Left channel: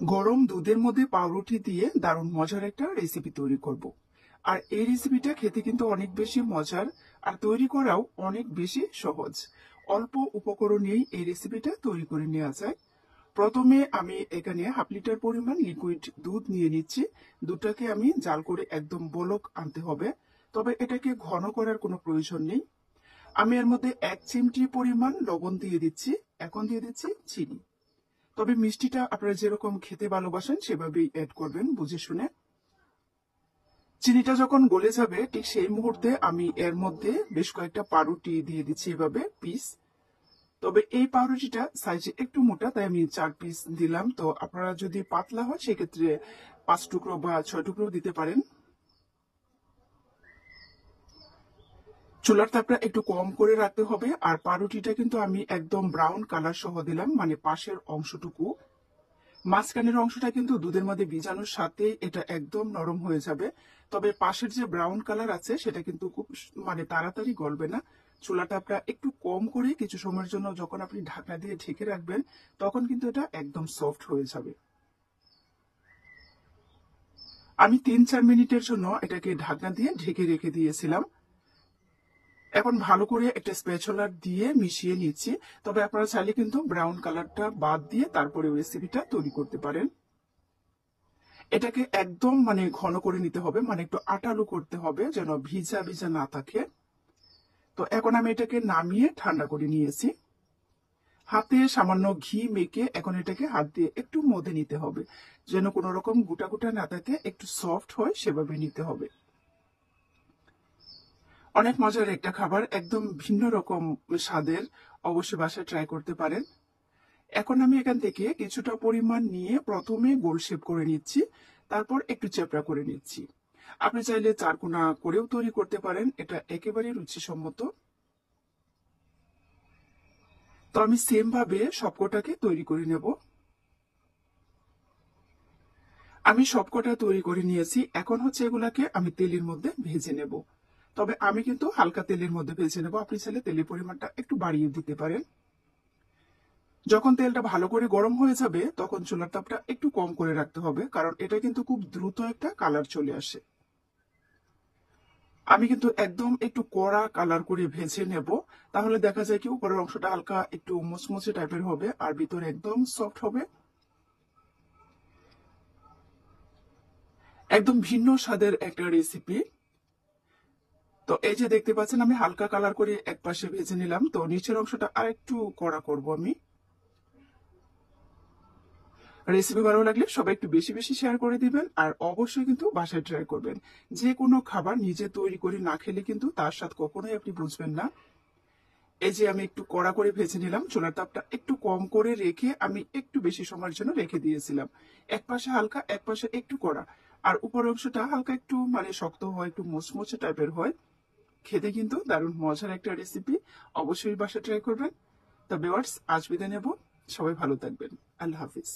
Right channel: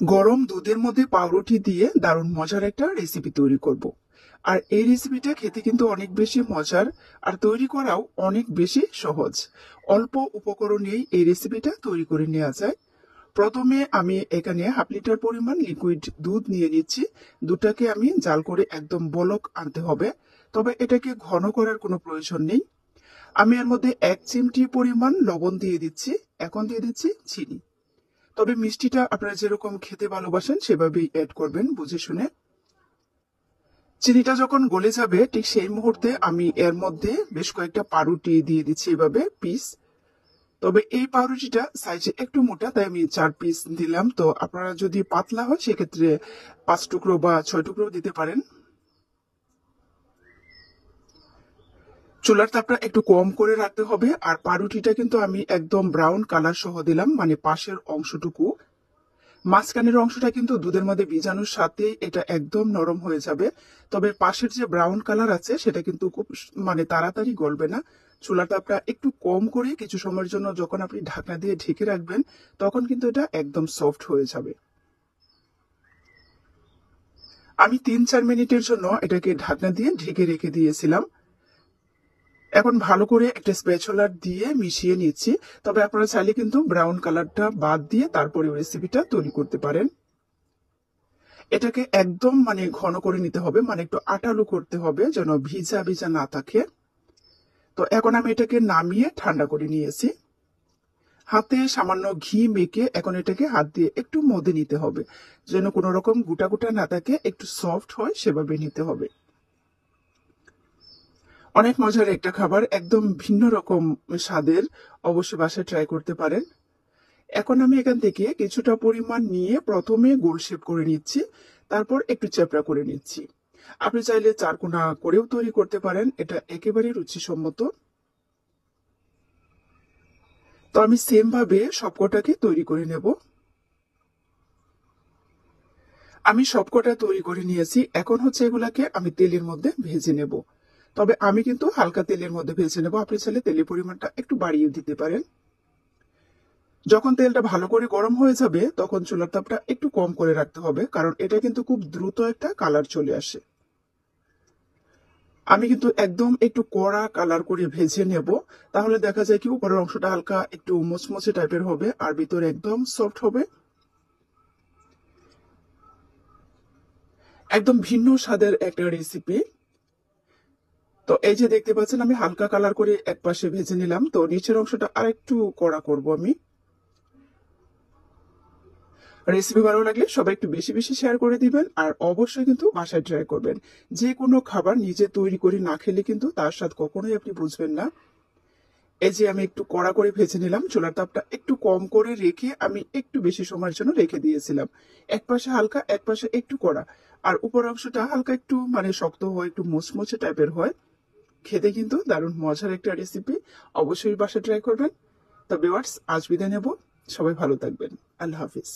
গরম দুধের মধ্যে পাউরুটি দিয়ে দারুণ মজার একটা রেসিপি তৈরি করব। আর এই রেসিপিটা খেতে কিন্তু অনেক বেশি মজার, আর তৈরি করাও অনেক বেশি সহজ। অল্প উপকরণেই এই রেসিপিটা তৈরি করে নেওয়া যায়। প্রথমে আমি এখানে হাফ লিটার পরিমাণ লিকুইড দুধ নিয়ে নিচ্ছি। দুধটাকে আমি জাল করে একদম বলক আনতে হবে, তবে এটাকে ঘন করার কোনো প্রয়োজন নেই। আমি এর মধ্যে 1 চিমটি পরিমাণ লবণ দিয়ে দিচ্ছি। এখন দিয়ে দিচ্ছি চিনি। তবে মিষ্টিটা আপনারা যেরকম খেতে ভালোবাসেন সেভাবেই অ্যাড করবেন বুঝে শুনে। চিনিটা যখন গলে যাবে ঠিক সেই মুহূর্তে আমি এর মধ্যে বেশ কয়েকটা পাউরুটি দিয়ে দিচ্ছি এভাবে পিস। তবে এই পাউরুটিটা সাইজে একটু মোটা, তাই আমি 4 পিস দিলাম। তো আপনারা যদি পাতলা হয় সেক্ষেত্রে 5 টুকরো বা 6 টুকরো দিতে পারেন। চুলার তাপটা একটু কম করে রাখতে হবে। আর পাউরুটিটা কিন্তু আমি একদম ব্রাউন কালার সহ দিলাম, মানে পাশের অংশটুকু। মাঝখানের অংশটা কিন্তু দুধের মধ্যে ভিজানোর সাথে এটা একদম নরম হয়ে যাবে। তবে পাশের যে ব্রাউন কালার আছে সেটা কিন্তু খুব মানে তাড়াতাড়ি গলবে না। চুলার তাপটা একটু কম করে কিছু সময়ের জন্য যখন আপনি ঢাকনা দিয়ে ঢেকে রাখবেন, তখন কিন্তু এটা একদম সফট হয়ে যাবে। আমি 3-4 মিনিটের জন্য এটাকে ঢাকনা দিয়ে ঢেকে রেখে দিয়েছিলাম। এখন ভালো করে একটা স্প্যাচুলার দিয়ে মিশিয়ে নিচ্ছি। তবে আপনারা চাইলে কিন্তু ব্রাউন কালারটা বাদ দিয়ে তারপরে রেসিপিটা তৈরি করতে পারেন। এটাকে একদম মানে ঘন করে নিতে হবে, মানে একটু আটালো করতে হবে যেন ভিজা ভিজা না থাকে। তো এখন আমি এটাকে নামিয়ে ঠান্ডা করে নিয়েছি। হাতে সামান্য ঘি মেখে এখন এটাকে হাত দিয়ে একটু মধে নিতে হবে, যেন কোনো রকম গুটা গুটা না থাকে, একটু সফট হয় সেভাবে নিতে হবে। অনেক মজার একটা খাবার, একদম ভিন্ন রকম স্বাদের। অবশ্যই বাসায় ট্রাই করতে পারেন। এখন আমি এখান থেকে কিছুটা পরিমাণ নিয়ে প্রথমে গোল শেপ করে নিচ্ছি, তারপর একটু চ্যাপটা করে নিচ্ছি। আপনি চাইলে চারকোনা করেও তৈরি করতে পারেন, এটা একেবারে রুচিসম্মত। তো আমি সেম ভাবে সবকটাকে তৈরি করে নেব। আমি সবকটা তৈরি করে নিয়েছি। এখন হচ্ছে এগুলাকে আমি তেলের মধ্যে ভেজে নেব। তবে আমি কিন্তু হালকা তেলের মধ্যে ভেজে নেব। আপনি চাইলে তেলের পরিমাণটা একটু বাড়িয়ে দিতে পারেন। যখন তেলটা ভালো করে গরম হয়ে যাবে তখন চুলার তাপটা একটু কম করে রাখতে হবে, কারণ এটা কিন্তু খুব দ্রুত একটা কালার চলে আসে। আমি কিন্তু একদম একটু কড়া কালার করে ভেজে নেব। তাহলে দেখা যায় কি উপরের অংশটা হালকা একটু মুচমুচে টাইপের হবে আর ভিতরে একদম সফট হবে। একদম ভিন্ন স্বাদের একটা রেসিপি। তো এই যে দেখতে পাচ্ছেন আমি হালকা কালার করে এক পাশে ভেজে নিলাম, তো নিচের অংশটা আরেকটু কড়া করব আমি। রেসিপি ভালো লাগলে সবাই একটু বেশি বেশি শেয়ার করে দিবেন, আর অবশ্যই কিন্তু বাসায় ট্রাই করবেন। যে কোনো খাবার নিজে তৈরি করে না খেলে কিন্তু তার স্বাদ কখনোই আপনি বুঝবেন না। এই যে আমি একটু কড়া করে ভেজে নিলাম, চুলার তাপটা একটু কম করে রেখে আমি একটু বেশি সময়ের জন্য রেখে দিয়েছিলাম। এক পাশে হালকা এক পাশে একটু কড়া, আর উপর অংশটা হালকা একটু মানে শক্ত হয়, একটু মুচমুচে টাইপের হয়। খেতে কিন্তু দারুণ মজার একটা রেসিপি। অবশ্যই বাসা ট্রাই করবেন। তো ভিউয়ার্স, আজ বিদায় নেব। সবাই ভালো থাকবেন। আল্লাহ হাফিজ।